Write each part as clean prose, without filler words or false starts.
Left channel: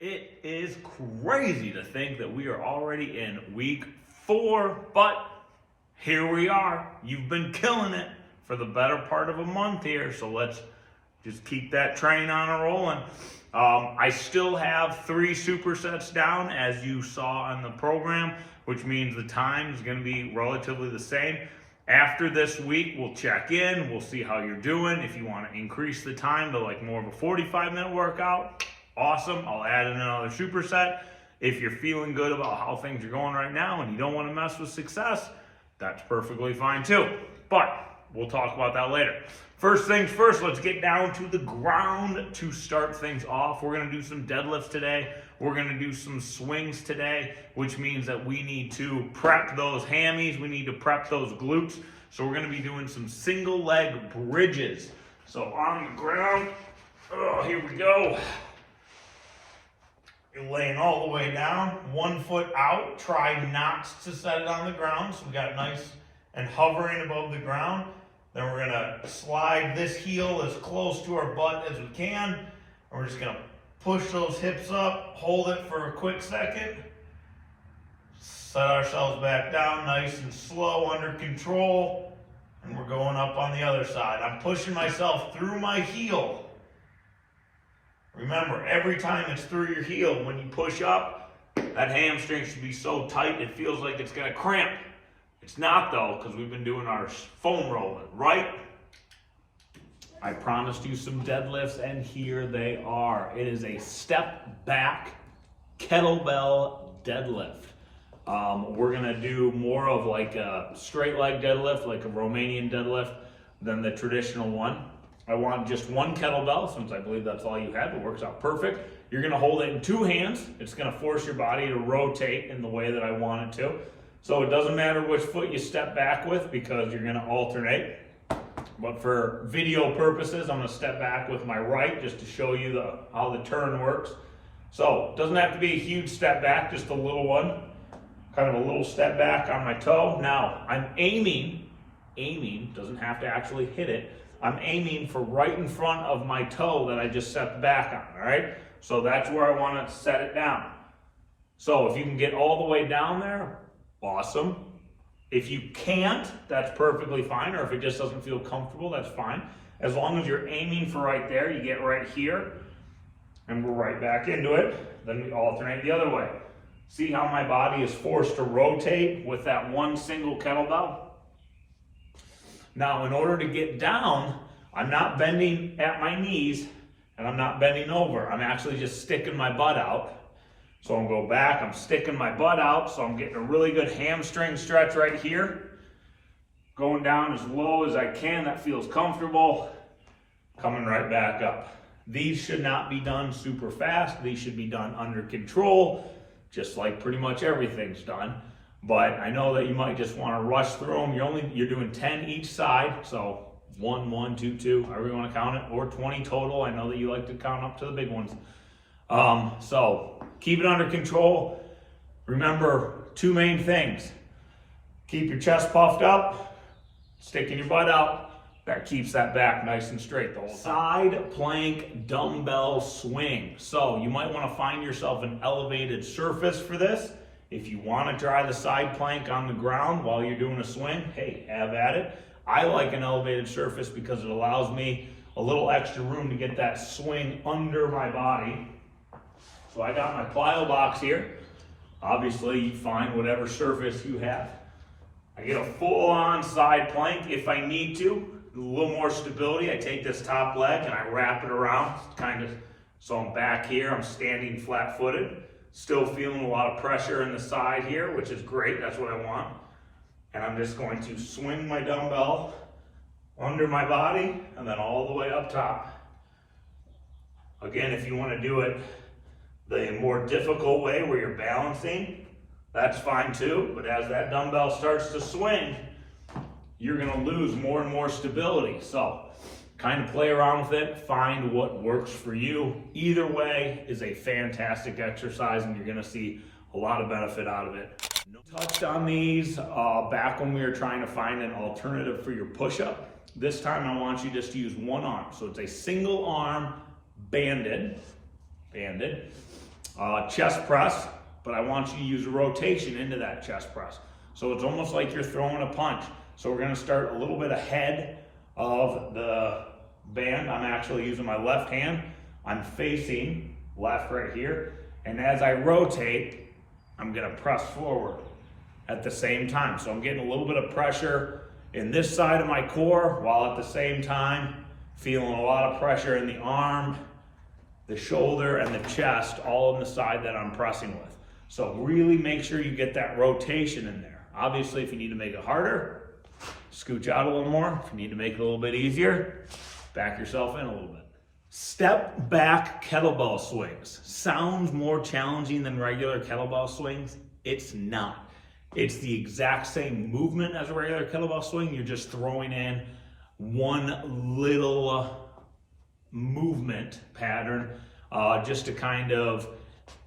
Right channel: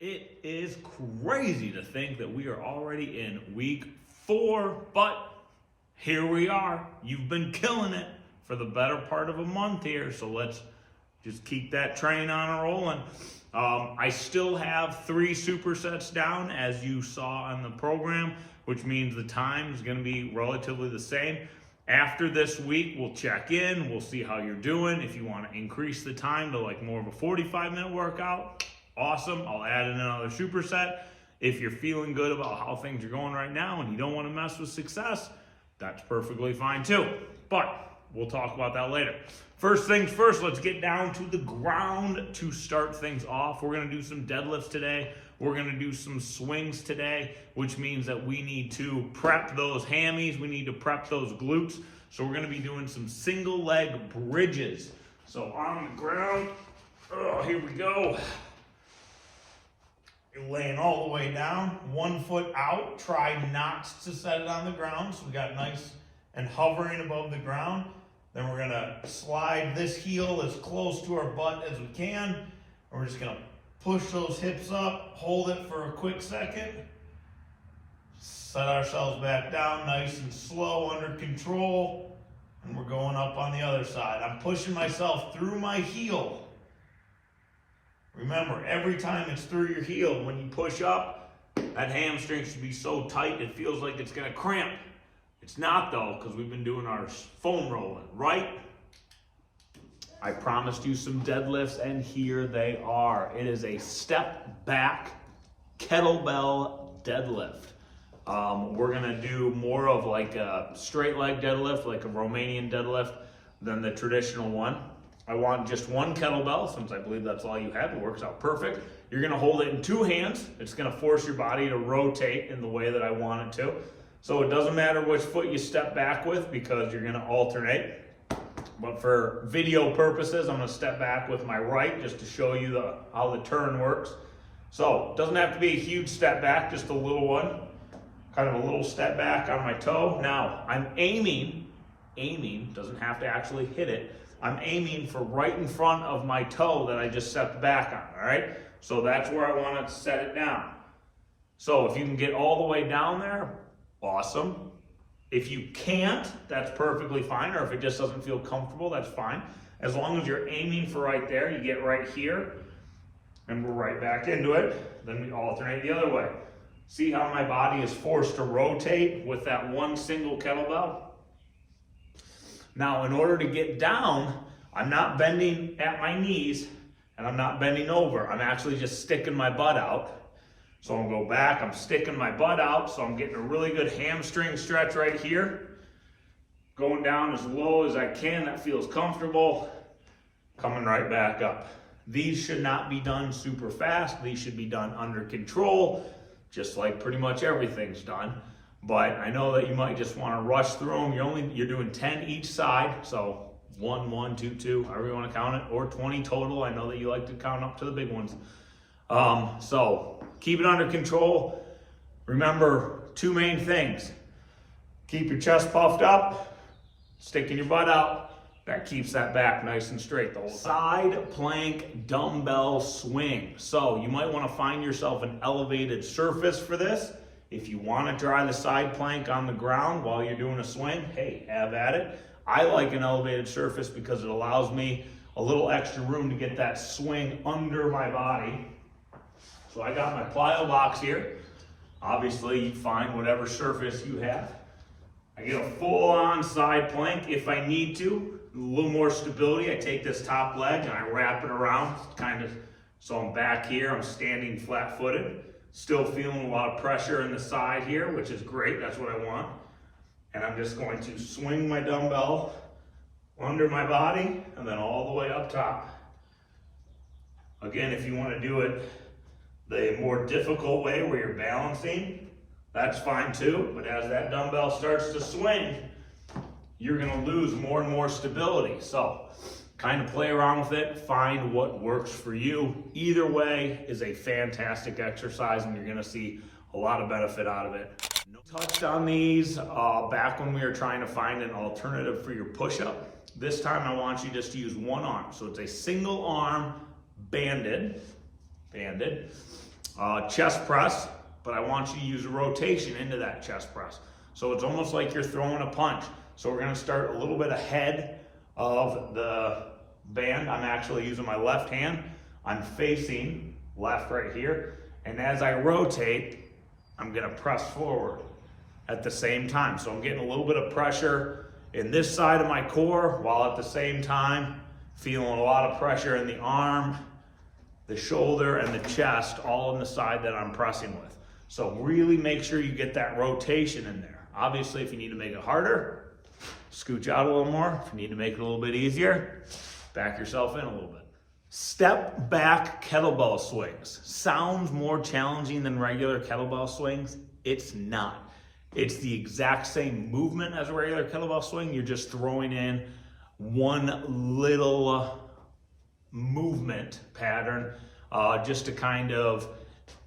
It is crazy to think that we are already in week 4, but here we are. You've been killing it for the better part of a month here, so let's just keep that train on and rolling. I still have 3 supersets down, as you saw on the program, which means the time is going to be relatively the same. After this week, we'll check in. We'll see how you're doing. If you want to increase the time to like more of a 45-minute workout, awesome. I'll add in another superset. If you're feeling good about how things are going right now and you don't want to mess with success, that's perfectly fine too. But we'll talk about that later. First things first, let's get down to the ground to start things off. We're going to do some deadlifts today. We're going to do some swings today, which means that we need to prep those hammies. We need to prep those glutes. So we're going to be doing some single leg bridges. So on the ground, here we go. You're laying all the way down, 1 foot out. Try not to set it on the ground. So we got nice and hovering above the ground. Then we're gonna slide this heel as close to our butt as we can. And we're just gonna push those hips up, hold it for a quick second. Set ourselves back down, nice and slow, under control. And we're going up on the other side. I'm pushing myself through my heel. Remember, every time it's through your heel, when you push up, that hamstring should be so tight it feels like it's gonna cramp. It's not though, because we've been doing our foam rolling, right? I promised you some deadlifts, and here they are. It is a step back kettlebell deadlift. We're gonna do more of like a straight leg deadlift, like a Romanian deadlift, than the traditional one. I want just one kettlebell, since I believe that's all you have. It works out perfect. You're gonna hold it in 2 hands. It's gonna force your body to rotate in the way that I want it to. So it doesn't matter which foot you step back with, because you're gonna alternate. But for video purposes, I'm gonna step back with my right just to show you how the turn works. So it doesn't have to be a huge step back, just a little one. Kind of a little step back on my toe. Now I'm aiming, doesn't have to actually hit it. I'm aiming for right in front of my toe that I just set the back on, all right? So that's where I wanna set it down. So if you can get all the way down there, awesome. If you can't, that's perfectly fine, or if it just doesn't feel comfortable, that's fine. As long as you're aiming for right there, you get right here, and we're right back into it. Then we alternate the other way. See how my body is forced to rotate with that one single kettlebell? Now, in order to get down, I'm not bending at my knees, and I'm not bending over. I'm actually just sticking my butt out. So I'm gonna go back, I'm sticking my butt out, so I'm getting a really good hamstring stretch right here. Going down as low as I can, that feels comfortable. Coming right back up. These should not be done super fast. These should be done under control, just like pretty much everything's done. But I know that you might just wanna rush through them. You're doing 10 each side, so 1, 1, 2, 2, however you wanna count it, or 20 total. I know that you like to count up to the big ones. So keep it under control. Remember 2 main things. Keep your chest puffed up, sticking your butt out. That keeps that back nice and straight the whole time. Side plank dumbbell swing. So you might want to find yourself an elevated surface for this. If you want to try the side plank on the ground while you're doing a swing, hey, have at it. I like an elevated surface because it allows me a little extra room to get that swing under my body. So I got my plyo box here. Obviously, you find whatever surface you have. I get a full-on side plank if I need to. A little more stability. I take this top leg and I wrap it around, so I'm back here. I'm standing flat-footed. Still feeling a lot of pressure in the side here, which is great. That's what I want. And I'm just going to swing my dumbbell under my body and then all the way up top. Again, if you want to do it the more difficult way where you're balancing, that's fine too. But as that dumbbell starts to swing, you're gonna lose more and more stability. So kind of play around with it, find what works for you. Either way is a fantastic exercise, and you're gonna see a lot of benefit out of it. Touched on these back when we were trying to find an alternative for your push-up. This time I want you just to use one arm. So it's a single arm banded. chest press, but I want you to use a rotation into that chest press. So it's almost like you're throwing a punch. So we're gonna start a little bit ahead of the band. I'm actually using my left hand. I'm facing left right here. And as I rotate, I'm gonna press forward at the same time. So I'm getting a little bit of pressure in this side of my core, while at the same time feeling a lot of pressure in the arm, the shoulder, and the chest, all in the side that I'm pressing with. So really make sure you get that rotation in there. Obviously, if you need to make it harder, scooch out a little more. If you need to make it a little bit easier, back yourself in a little bit. Step back kettlebell swings. Sounds more challenging than regular kettlebell swings. It's not. It's the exact same movement as a regular kettlebell swing. You're just throwing in one little movement pattern just to kind of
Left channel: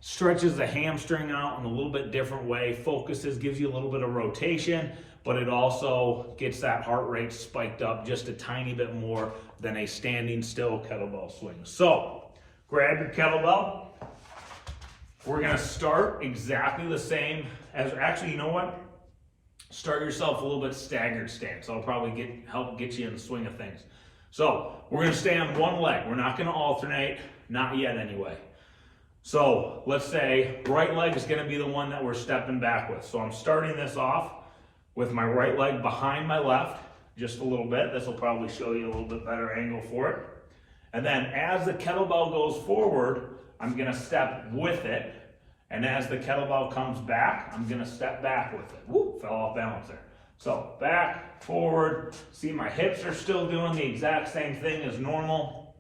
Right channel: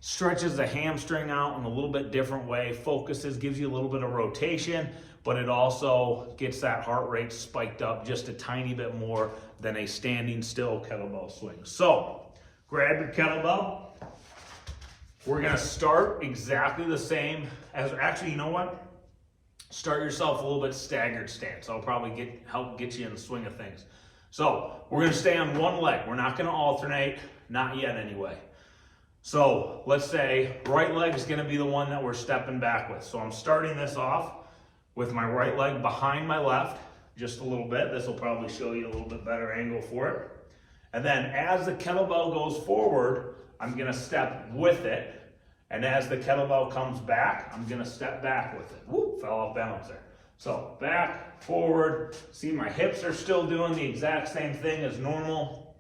stretches the hamstring out in a little bit different way, focuses, gives you a little bit of rotation, but it also gets that heart rate spiked up just a tiny bit more than a standing still kettlebell swing. So grab your kettlebell. We're gonna start exactly the same as, actually, you know what? Start yourself a little bit staggered stance. That'll probably help get you in the swing of things. So we're gonna stay on one leg. We're not gonna alternate, not yet anyway. So let's say right leg is gonna be the one that we're stepping back with. So I'm starting this off with my right leg behind my left, just a little bit. This will probably show you a little bit better angle for it. And then as the kettlebell goes forward, I'm gonna step with it. And as the kettlebell comes back, I'm gonna step back with it. Whoop, fell off balance there. So back, forward. See, my hips are still doing the exact same thing as normal.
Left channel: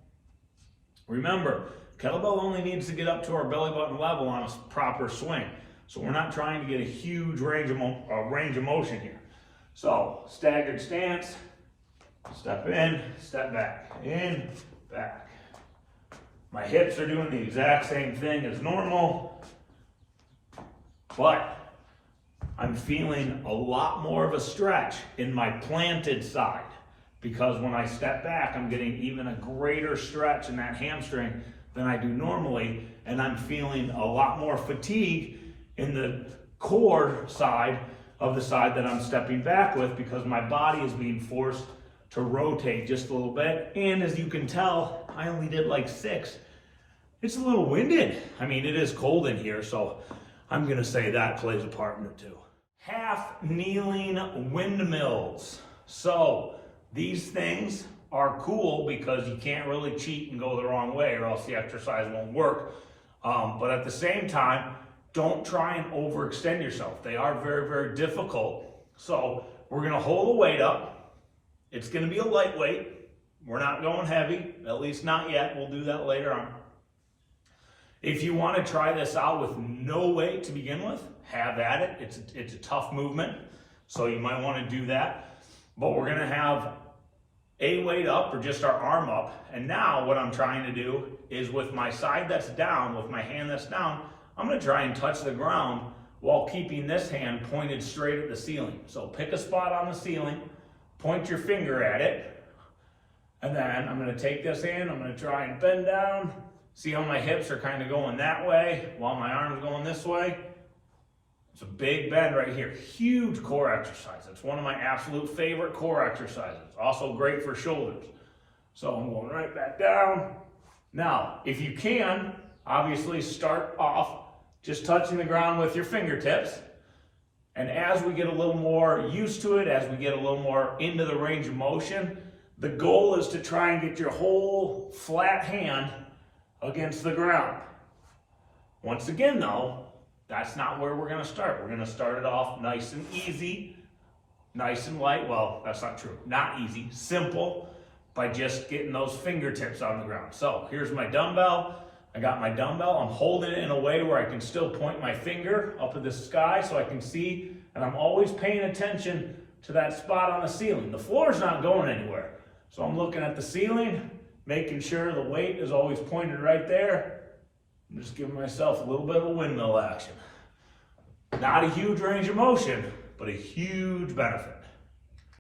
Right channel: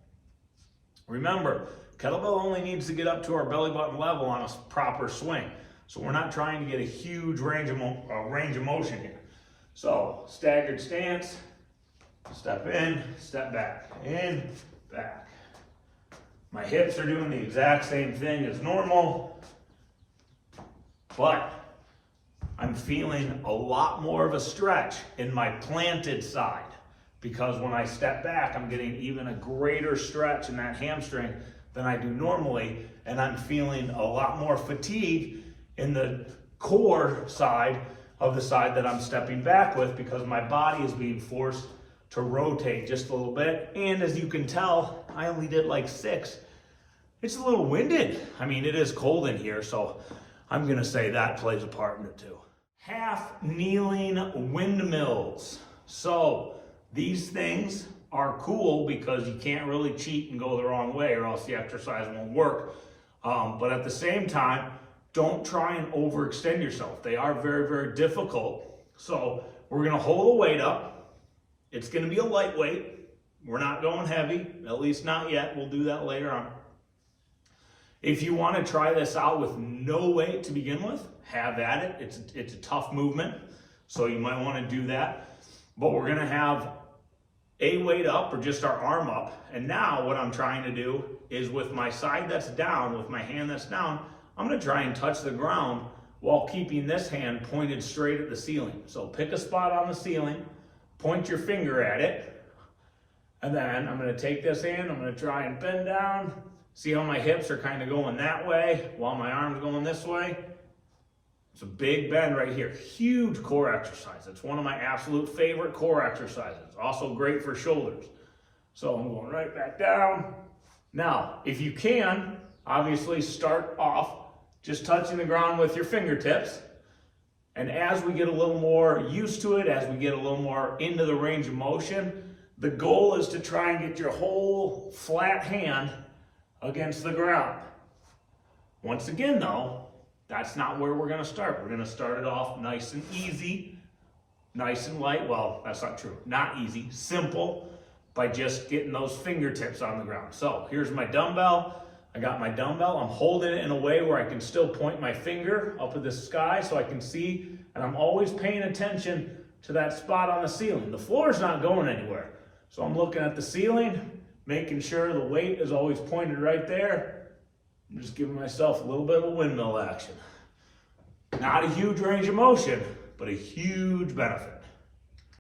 Remember, kettlebell only needs to get up to our belly button level on a proper swing. So we're not trying to get a huge range of motion here. So staggered stance, step in, step back, in, back. My hips are doing the exact same thing as normal, but I'm feeling a lot more of a stretch in my planted side, because when I step back, I'm getting even a greater stretch in that hamstring than I do normally, and I'm feeling a lot more fatigue in the core side of the side that I'm stepping back with, because my body is being forced to rotate just a little bit. And as you can tell, I only did like 6. It's a little winded. I mean, it is cold in here, so I'm gonna say that plays a part in it too. Half kneeling windmills. So these things are cool because you can't really cheat and go the wrong way, or else the exercise won't work. But at the same time, don't try and overextend yourself. They are very, very difficult. So we're gonna hold the weight up. It's gonna be a lightweight. We're not going heavy, at least not yet. We'll do that later on. If you wanna try this out with no weight to begin with, have at it. It's a tough movement, so you might wanna do that. But we're gonna have a weight up, or just our arm up. And now what I'm trying to do is, with my side that's down, with my hand that's down, I'm gonna try and touch the ground while keeping this hand pointed straight at the ceiling. So pick a spot on the ceiling, point your finger at it, and then I'm gonna take this hand, I'm gonna try and bend down. See how my hips are kind of going that way while my arm's going this way? It's a big bend right here. Huge core exercise. It's one of my absolute favorite core exercises. Also great for shoulders. So I'm going right back down. Now, if you can, obviously start off just touching the ground with your fingertips. And as we get a little more used to it, as we get a little more into the range of motion, the goal is to try and get your whole flat hand against the ground. Once again though, that's not where we're gonna start. We're gonna start it off nice and easy, nice and light. Well, that's not true. Not easy, simple, by just getting those fingertips on the ground. So here's my dumbbell. I got my dumbbell. I'm holding it in a way where I can still point my finger up at the sky so I can see, and I'm always paying attention to that spot on the ceiling. The floor's not going anywhere. So I'm looking at the ceiling, making sure the weight is always pointed right there. I'm just giving myself a little bit of a windmill action. Not a huge range of motion, but a huge benefit.